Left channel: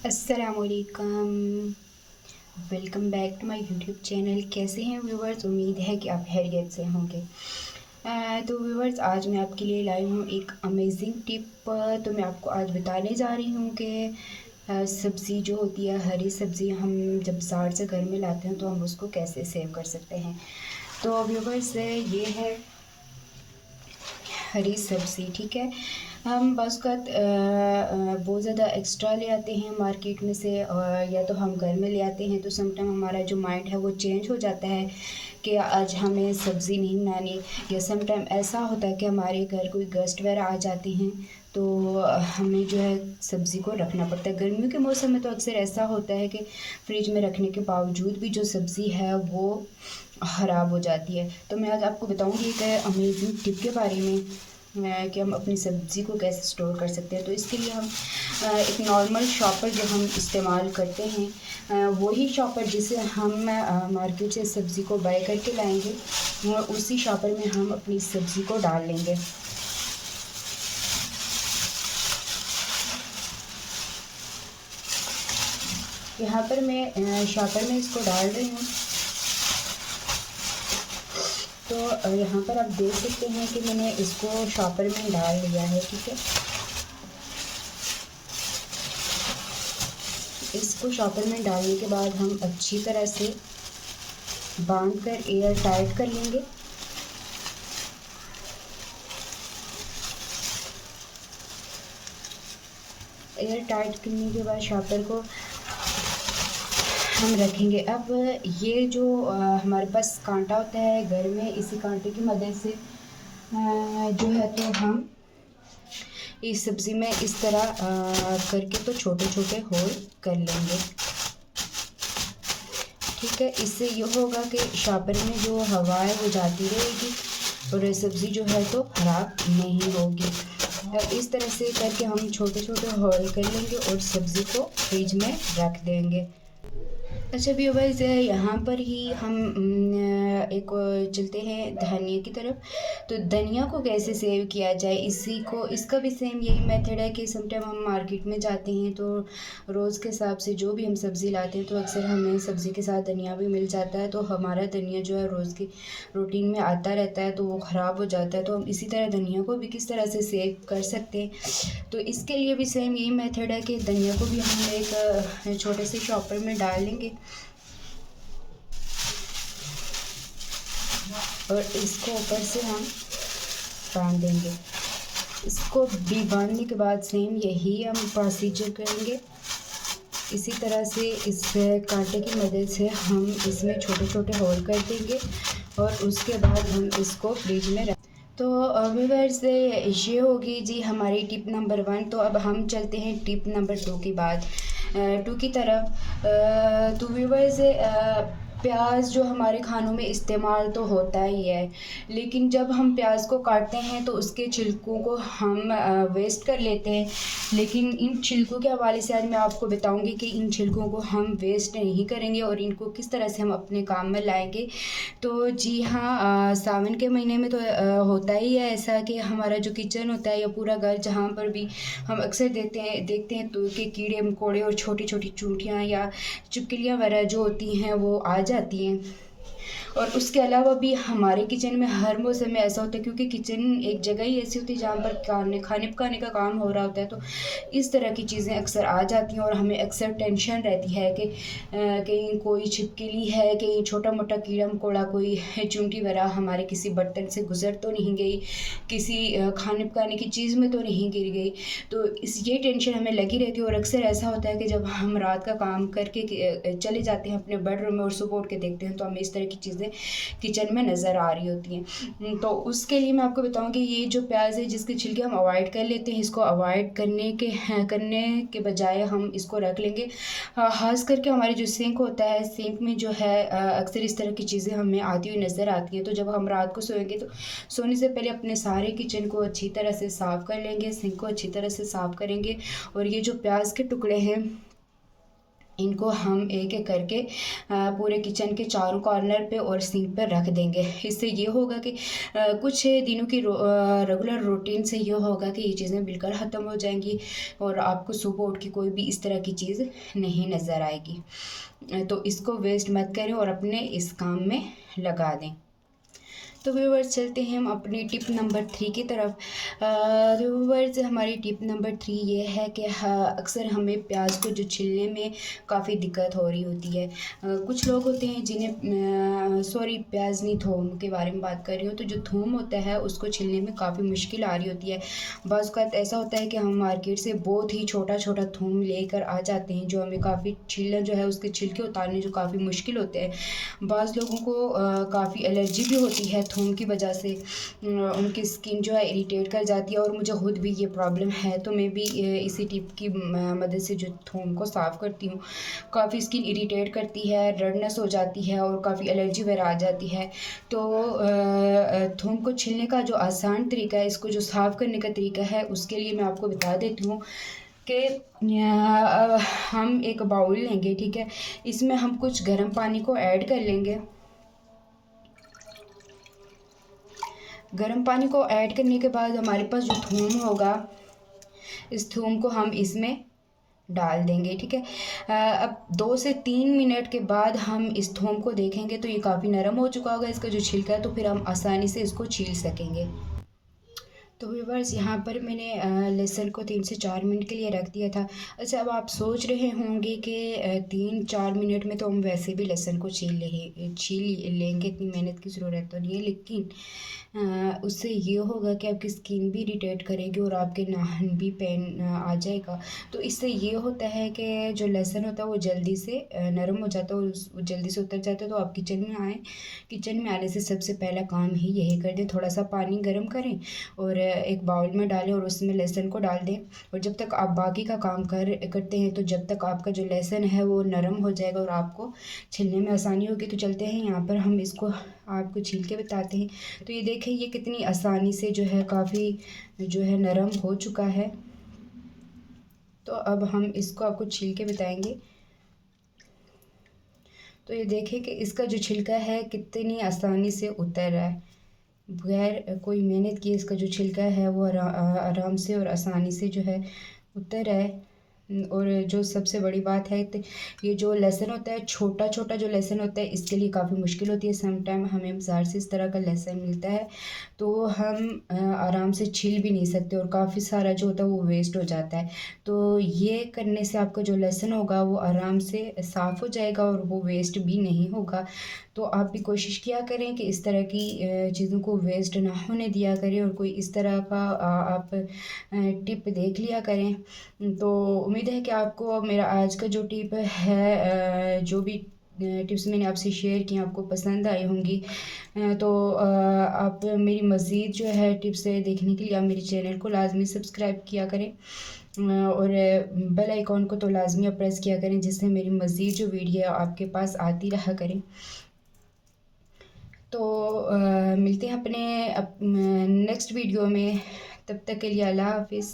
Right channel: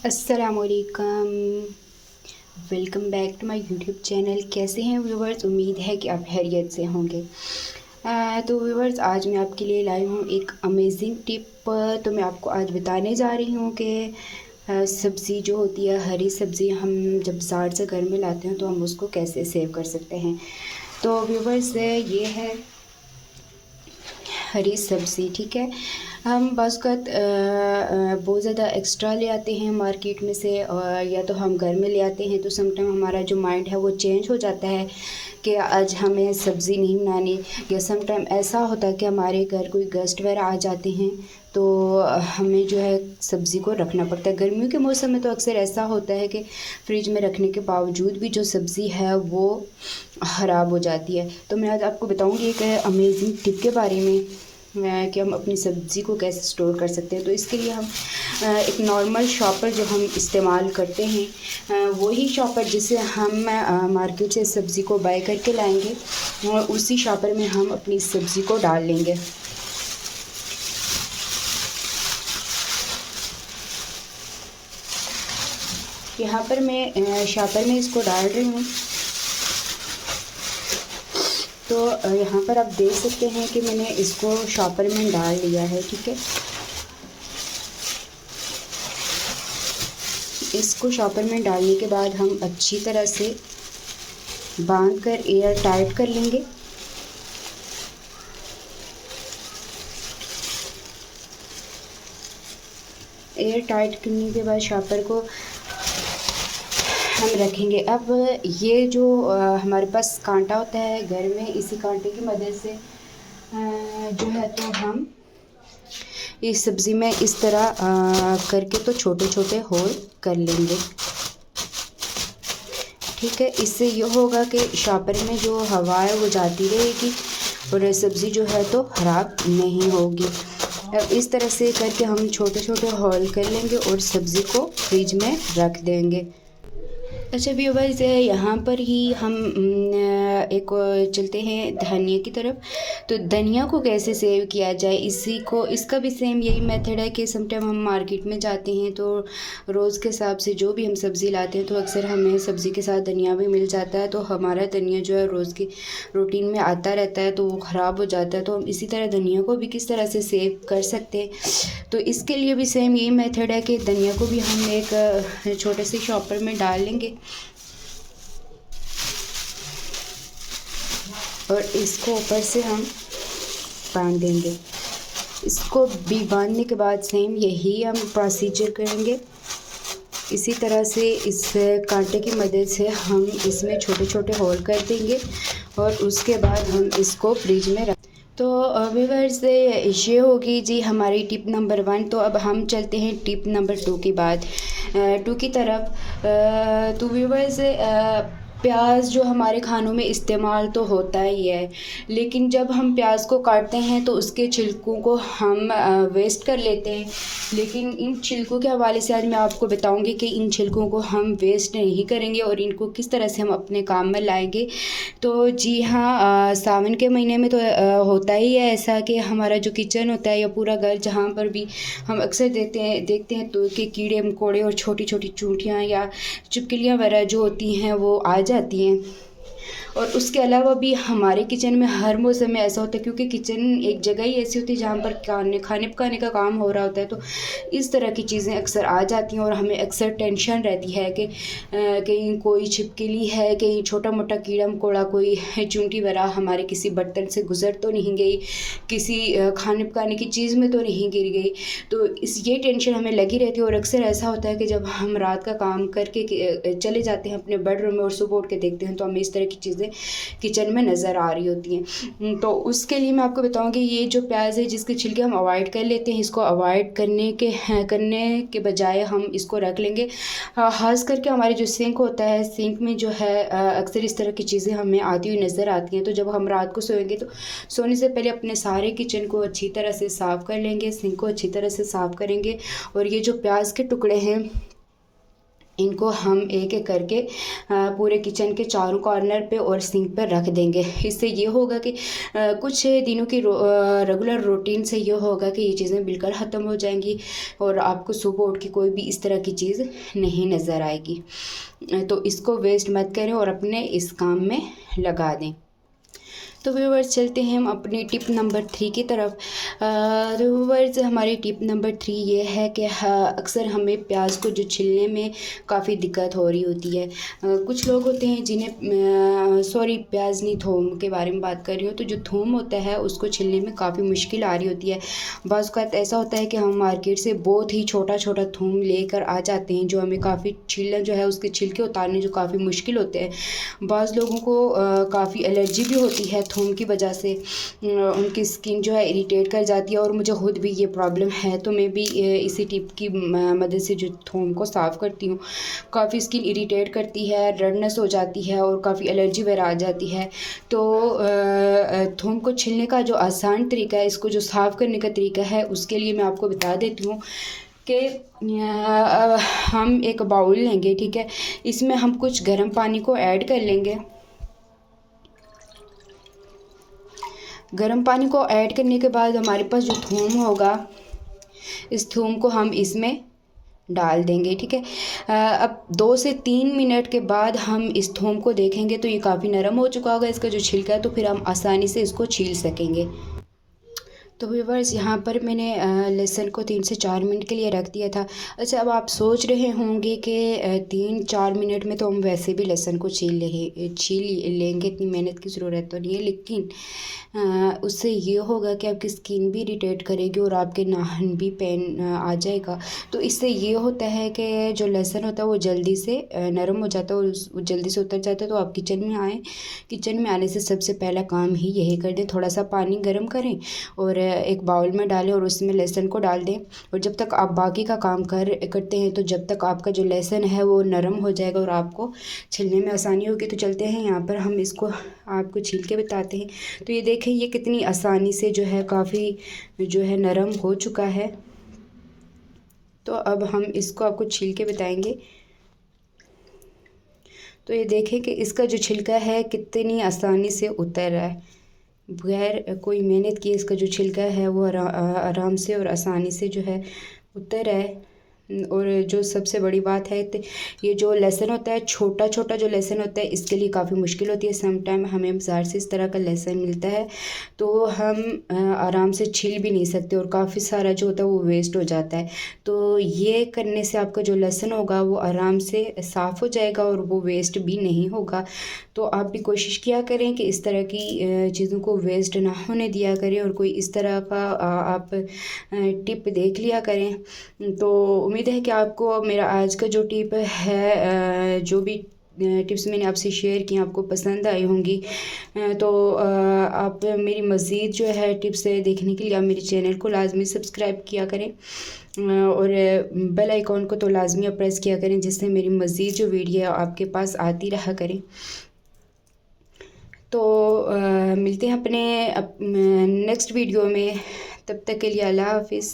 अस्सलामुअलैकुम। Welcome back to my YouTube channel. कैसे हैं व्यूवर्स? उम्मीद है कि आप खैरियत से होंगे। तो व्यूवर्स, आज मैं आपके लिए लाई हूँ एक अमेजिंग टिप। तो मैं आपको आज बताने जा रही हूँ कि सब्ज़ी जो होती है, हरी सब्ज़ी, हम जब बाज़ार से घर में लाते हैं तो हम उसको कैसे सेव कर सकते हैं। तो व्यूवर्स, ये है हरी सब्ज़ी। ठीक है, हम बस का बहुत ज़्यादा एक्स्ट्रा ले आते हैं मार्केट में से, और या तो हम घर में ले आते हैं तो समटाइम हमारा जो माइंड है वो चेंज हो जाता है कि आज हमें सब्ज़ी नहीं बनानी। या समटाइम ऐसा होता है कि हमारे घर कोई गेस्ट वगैरह आ जाते हैं तो हमें जो है सब्ज़ी को रखना पड़ता है। गर्मियों के मौसम में तो अक्सर ऐसा होता है कि फ्रिज में रखने के बावजूद भी जो सब्ज़ी है वो ख़राब हो जाती है। तो मैं आज आपको बताऊंगी एक अमेजिंग टिप के बारे में कि हम अपनी सब्ज़ी को कैसे स्टोर कर सकते हैं। तो इसके लिए हम एक नॉर्मल शॉपर जो हम इस्तेमाल करते हैं, वही शॉपर जिसे हम मार्केट से सब्ज़ी को बाय करके लाएंगे, उसी शॉपर में हम अपनी सब्ज़ी को डाल लेंगे। यहाँ पर मैं शॉपर में इसको डाल रही हूँ। तो यहाँ पर आप देख सकते हैं कि मैंने इसको शॉपर में डाल लिया है। ठीक है, इसको शॉपर में डालने के बाद हम अच्छी तरह से बांध कर एयर टाइट कर लेंगे। एयर टाइट करने के बाद शॉपर को हम रखेंगे। अब ये जो हमारे पास कांटा होता है घर में, इसी कांटे की मदद से जो है तो हम इस सब्ज़ी में इस तरह करके तो छोटे छोटे होल कर लेंगे। ठीक है, इससे ये होगा कि शॉपर में जो हवा है वो जाती रहेगी और सब्ज़ी जो है तो ख़राब नहीं होगी। अब इस तरह से करके हम छोटे छोटे होल कर लेंगे और सब्ज़ी को फ्रिज में रख देंगे। अच्छा व्यूअर्स, यहाँ पर ही हम एक चलते हैं धनिया की तरफ। तो धनिया को कैसे सेव किया जाए, इसी को इसका भी सेम यही मेथड है कि समटाइम हम मार्केट में जाते हैं तो रोज़ के हिसाब से जो भी हम सब्ज़ी लाते हैं तो अक्सर हमें सब्ज़ी के साथ धनिया भी मिल जाता है। तो हमारा धनिया जो है रोज़ की रूटीन में आता रहता है तो वो ख़राब हो जाता है। तो हम इसी तरह धनिया को भी किस तरह से सेव कर सकते हैं, तो इसके लिए भी सेम यही मेथड है कि धनिया को भी हम एक छोटे से शॉपर में डाल लेंगे और इसको ऊपर से हम बांध देंगे। इसको भी बांधने के बाद सेम यही हम प्रोसीजर करेंगे। इसी तरह से इस कांटे की मदद से हम इसमें छोटे छोटे होल कर देंगे और उसके बाद हम इसको फ्रिज में रख। तो व्यूअर्स, ये होगी जी हमारी टिप नंबर 1। तो अब हम चलते हैं टिप नंबर 2 की बात 2 की तरफ। तो व्यूअर्स, प्याज जो हमारे खानों में इस्तेमाल तो होता ही है, लेकिन जब हम प्याज को काटते हैं तो उसके छिलकों को हम वेस्ट कर लेते हैं। लेकिन इन छिलकों के हवाले से आज मैं आपको बताऊंगी कि इन छिलकों को हम वेस्ट नहीं करेंगे और इनको किस तरह से हम अपने काम में लाएंगे। तो जी हाँ, सावन के महीने में तो होता ही है ऐसा कि हमारा जो किचन होता है या पूरा घर, जहाँ पर भी हम अक्सर देखते हैं तो कि कीड़े मकोड़े और छोटी छोटी चूंटियाँ या छिपकलियाँ वगैरह जो होती हैं वो आ जाती हैं। और उसके अलावा भी हमारे किचन में हर मौसम में ऐसा होता है, क्योंकि किचन एक जगह ही ऐसी होती है जहाँ पर खाने पकाने का काम हो रहा होता है। तो इस तरह की चीज़ें अक्सर आ जाती हैं और हमें अक्सर टेंशन रहती है कि कहीं कोई छिपकली है, कहीं छोटा मोटा कीड़ा मकोड़ा, कोई चूंटी वगैरह हमारे किसी बर्तन से गुजर तो नहीं गई, किसी खाने पकाने की चीज़ में तो नहीं गिर गई। तो ये टेंशन हमें लगी रहती है और अक्सर ऐसा होता है कि जब हम रात का काम करके चले जाते हैं अपने बेडरूम में और सुबह उठ के देखते हैं तो हमें इस तरह की चीज़ें किचन में नज़र आ रही होती हैं। तो उसके लिए मैं आपको बताऊंगी, ये जो प्याज है जिसके छिलके हम अवॉइड कर लेते हैं, इसको अवॉइड करने के बजाय हम इसको रख लेंगे। खास करके हमारे जो सिंक होता है, सिंक में जो है अक्सर इस तरह की चीज़ें हमें आती हुई नज़र आती हैं। तो जब हम रात को सोएंगे तो सोने से पहले अपने सारे किचन को अच्छी तरह से साफ़ कर लेंगे, सिंक को अच्छी तरह से साफ़ करेंगे और ये जो प्याज के टुकड़े हैं इनको हम एक एक करके पूरे किचन के चारों कॉर्नर पे और सिंक पर रख देंगे। इससे ये होगा कि कुछ दिनों की रेगुलर रूटीन से ये होगा कि ये चीज़ें बिल्कुल ख़त्म हो जाएंगी और आपको सुबह उठ के कोई भी इस तरह की चीज़ नहीं नज़र आएगी। तो इसको वेस्ट मत करें और अपने इस काम में लगा दें। तो व्यूवर्स चलते हैं हम अपनी टिप नंबर 3 की तरफ। तो व्यूवर्स हमारी टिप नंबर 3 ये है कि अक्सर हमें प्याज को जो छिलने में काफ़ी दिक्कत हो रही होती है। कुछ लोग होते हैं जिन्हें सॉरी प्याज नहीं थूम के बारे में बात कर रही हूँ। तो जो थूम होता है उसको छिलने में काफ़ी मुश्किल आ रही होती है। बाज़ औक़ात ऐसा होता है कि हम मार्केट से बहुत ही छोटा छोटा थूम लेकर आ जाते हैं जो हमें काफ़ी छीलना जो है उसके छिलके उतारने जो काफ़ी मुश्किल होते हैं। बाज़ लोगों को काफ़ी एलर्जी भी होती है थूम की वजह से, उनकी स्किन जो है इरिटेट कर जाती है और मुझे खुद भी ये प्रॉब्लम है। तो मैं भी इसी टिप की मदद से जो थूम को साफ़ करती हूँ। काफ़ी स्किन इरिटेट करती है, रेडनेस हो जाती है और काफ़ी एलर्जी वगैरह आ जाती है। तो थूम को छीलने का जो आसान तरीका है, इसको जो साफ़ करने का तरीका है, उसके लिए मैं आपको बता देती हूँ कि हम एक बाउल लेंगे, ठीक है। इसमें हम कुछ गर्म पानी को ऐड कर लेंगे। गर्म पानी को ऐड करने के बाद हमारे पास जो थूम होगा, इस थूम को हम इसमें डाल देंगे, ठीक है। अब 2 से 3 मिनट के बाद हम इस थूम को देखेंगे तो ये काफ़ी नरम हो चुका होगा इसका जो छिलका है, तो फिर हम आसानी से इसको छील सकेंगे। तो व्यूअर्स यहाँ पर मैंने लहसुन को 3 से 4 मिनट के लिए रख दिया था। अच्छा, अब आप सोच रहे होंगे कि 3-4 मिनट में तो हम वैसे भी लहसुन को छील लेंगे, इतनी मेहनत की ज़रूरत तो नहीं है। लेकिन उससे ये होगा कि आपकी स्किन भी इरिटेट करेगी और आपके नाखून भी पेन आ जाएगा। तो इससे ये होता है कि जो लहसुन होता है वो जल्दी से नरम हो जाता है और वो जल्दी से उतर जाता है। तो आप किचन में आएँ, किचन में आने से सबसे पहला काम ही यही कर दें, थोड़ा सा पानी गर्म करें और एक बाउल में डालें और उसमें लहसुन को डाल दें। और जब तक आप बाकी का काम करते हैं तो जब तक आपका जो लहसुन है वो नरम हो जाएगा और आपको छिलने में आसानी होगी। तो चलते हैं यहाँ पर हम इसको आपको छील के बताते हैं। तो ये देखें, ये कितनी आसानी से जो है काफ़ी जो है नरम हो चुका है। तो अब हम इसको आपको छील के बताएंगे। तो ये देखें कि इसका जो छिलका है कितनी आसानी से उतर रहा है, बगैर कोई मेहनत किए इसका जो छिलका है वो आराम से और आसानी से जो है उतर रहा है। और जो सबसे बड़ी बात है, तो ये जो लहसुन होता है, छोटा छोटा जो लहसुन होता है, इसके लिए काफ़ी मुश्किल होती है। सम टाइम हमें बाज़ार से इस तरह का लहसुन मिलता है तो हम आराम से छील भी नहीं सकते और काफ़ी सारा जो होता है वो वेस्ट हो जाता है। तो ये करने से आपका जो लहसुन होगा वो आराम से साफ़ हो जाएगा और वो वेस्ट भी नहीं होगा। तो आप भी कोशिश किया करें कि इस तरह की चीज़ों को वेस्ट ना होने दिया करें और कोई इस तरह का आप टिप देख लिया करें। तो उम्मीद है कि आपको मेरा आज का जो टिप है, जो भी टिप्स मैंने आपसे शेयर की आपको पसंद आई होंगी। तो आप मेरी मज़ीद जो है टिप्स देखने के लिए आप मेरे चैनल को लाजमी सब्सक्राइब किया करें और बेल आइकॉन को तो लाजमी प्रेस किया करें, जिससे मेरी मज़ीद जो वीडियो आपके पास आती रहा करें। तो मिलते हैं अपने नेक्स्ट वीडियो में, तब तक के लिए अल्लाह हाफिज़।